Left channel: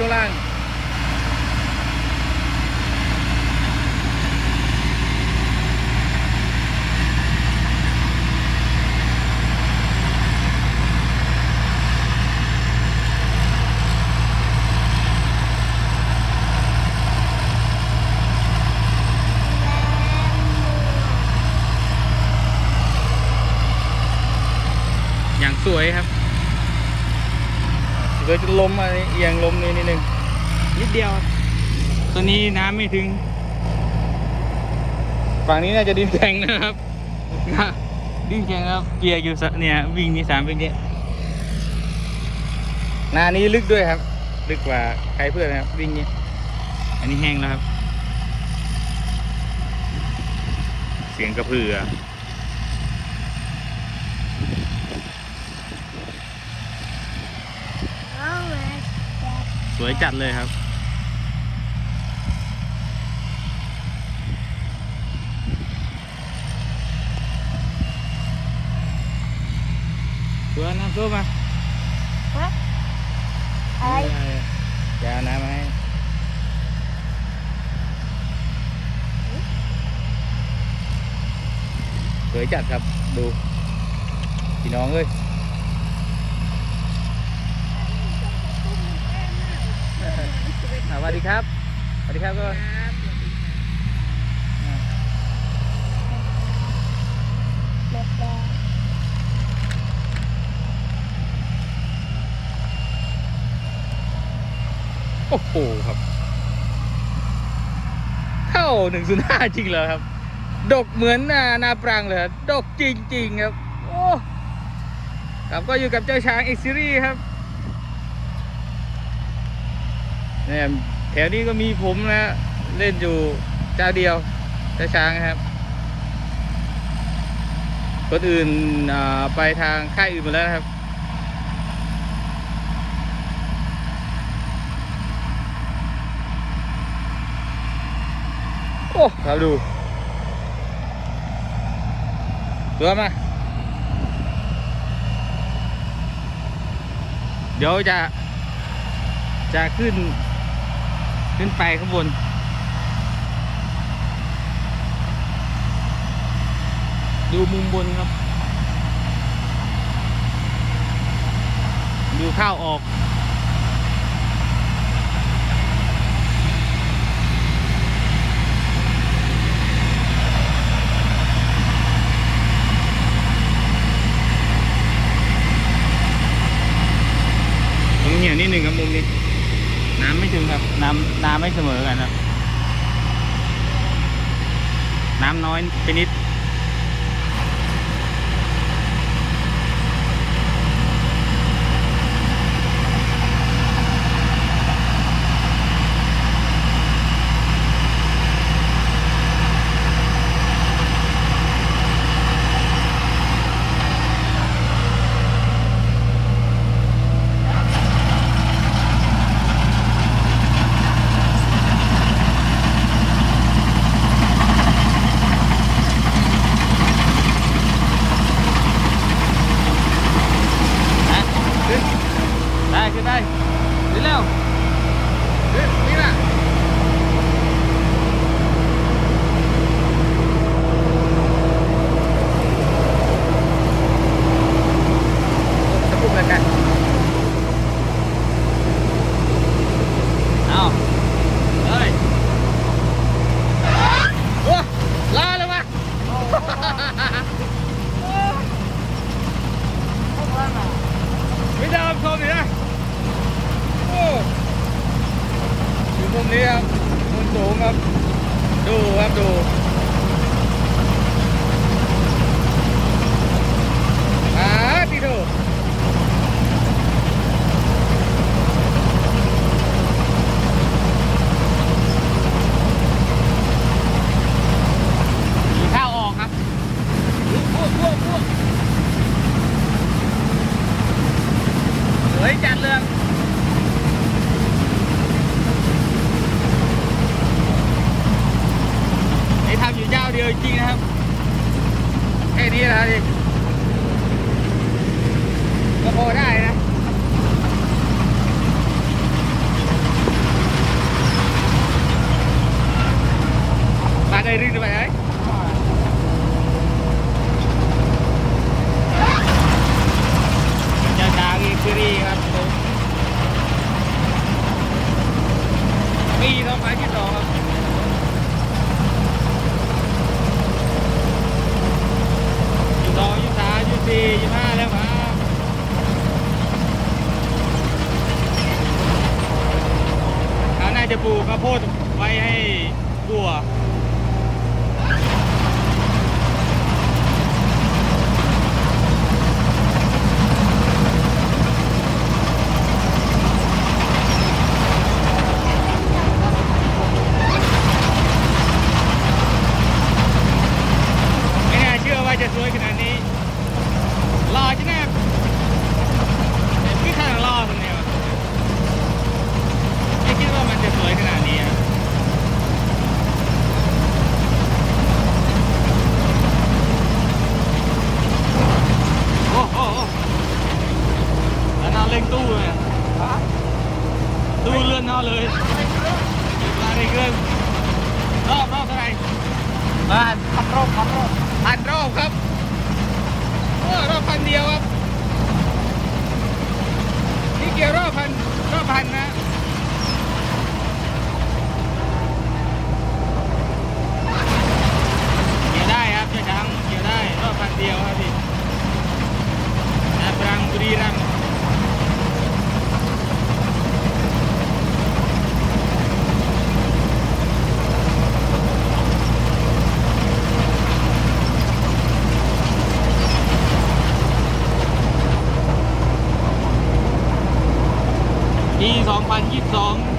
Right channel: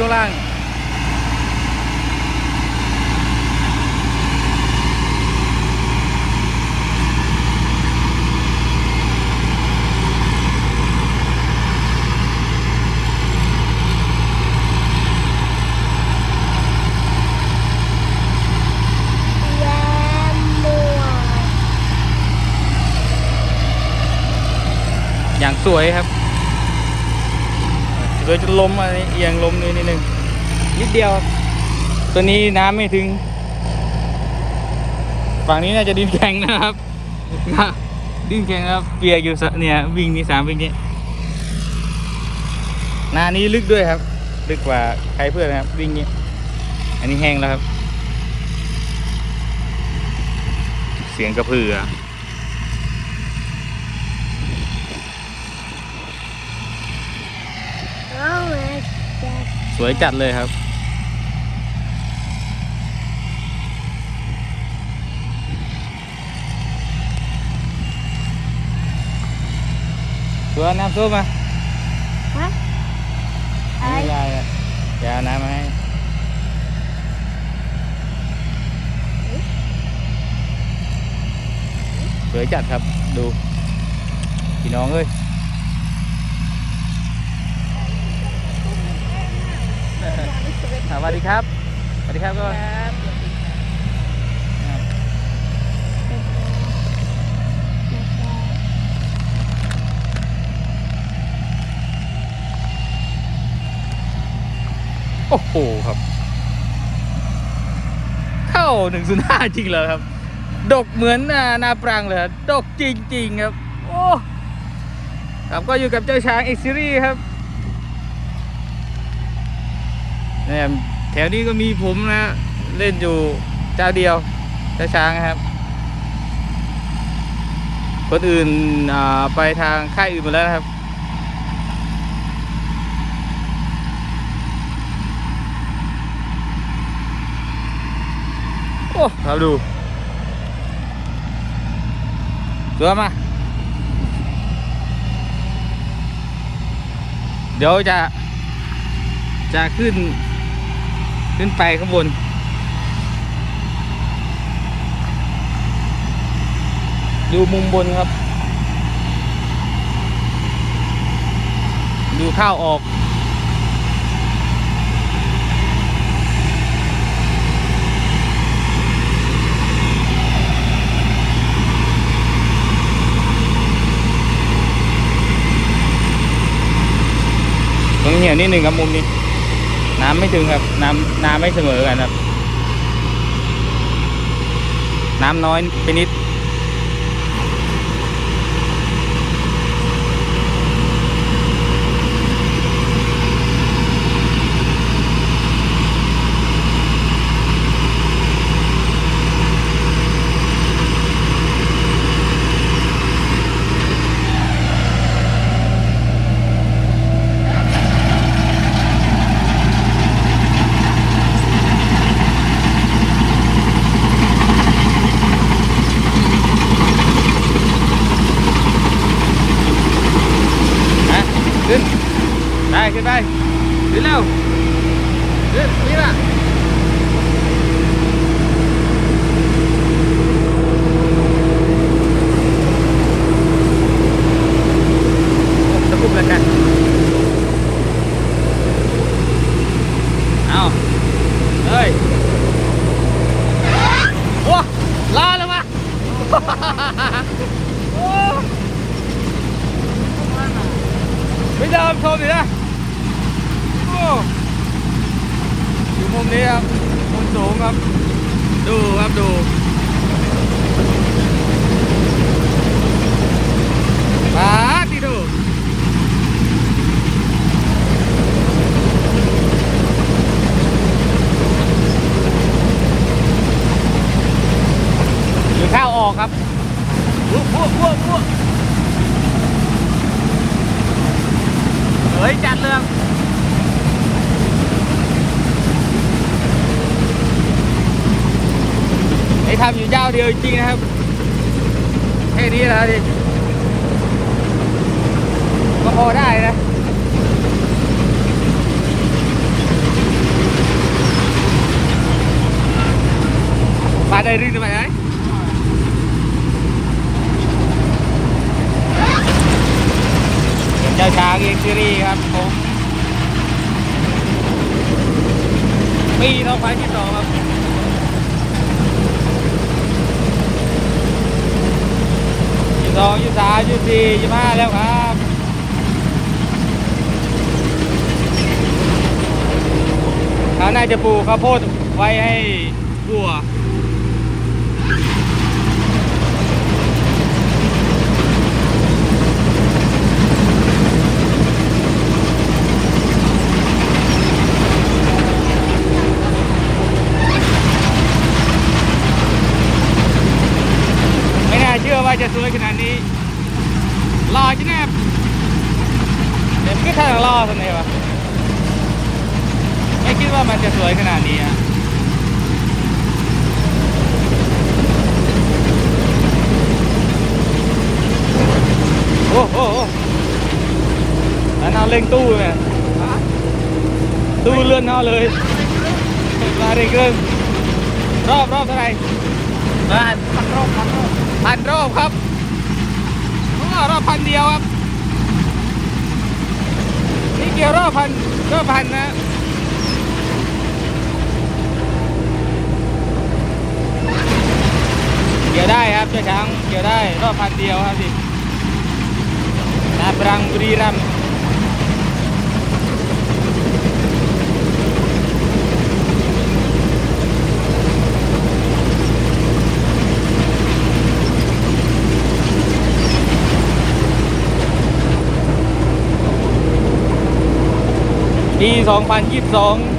ช่วงล่างอย่างสวยครับเดี๋ยวจะล้มอะไร อียงล้มนิดนิดนึงนิดเดียวครับตัวนี้น้ำไม่ถึง ฝั่งนี้น่าจะดินแข็งนะครับ ดินแข็งครับเปียกอยู่สะเนี่ยวิ่งนี่สามวิ่งนี้นานี้ลึกด้วยครับ ลึกกว่าใครเพื่อนนะครับ วิ่งนี้ อันนี้แห้งแล้วครับ เสียงกระพือเอามาจัดส วยจัดเลยครับตัวน้ำซุปมาฮะไอ้ยายอะยาน้ำมาให้ส วยจัดครับดูพี่น้องเอ้ยสวัสดีครับ สวัสดีครับก็โอ้โหครับ เข้าหนึ่งศูนย์ห้าจริงเลยครับ ดกเหมือนนานาปรังเลยดกจริง ๆ ครับ โอ้ครับก็อยู่กับเจ้าช้างเอ็กซิรี่ครับเนี่ย แถวนี้ก็มีผมนะเล่นอยู่เจ้าเดียวเจ้าช้างครับคนอื่นไปทางค่ายอื่นหมดแล้วครับเอาดูตัวมา เดี๋ยวจะ จะขึ้น ขึ้นไปข้างบน ดูมุมบนครับ ดูข้าวออกต้องเหี่ยวนิดหนึ่งครับมุมนี้ น้ำไม่ถึงครับ น้ำน้ำไม่เสมอกันครับ น้ำน้อยไปนิด ทำอยู่เจ้าเดียวจริงนะครับแค่นี้เลยก็โอได้นะมาได้รึไหมไอ้เจ้าช้างเอ็ซ์รีครับปีสองพัที่สอง จะปลูกข้าวโพดไว้ให้วัว ไม่น่าเชื่อว่าจะสวยขนาดนี้รอจังนะเด็กก็แค่รอทำไมวะไม่คิดว่ามันจะสวยขนาดนี้อะโอ้โหอันนั้น เล่งตู้เนี่ยตู้เลื่อนเอาเลยมาเร่งเร่งรอบรอบเท่าไหร่บ้านพันรอบพันรอบพันรอบครับโอ้รอบพันเดียวครับนี่เกี่ยวรอบพันรอบพันนะเกี่ยวได้ครับเจ้าช้างเกี่ยวได้รอบพันเดียวครับพี่นาปรังบุรีรัมย์ปี 2022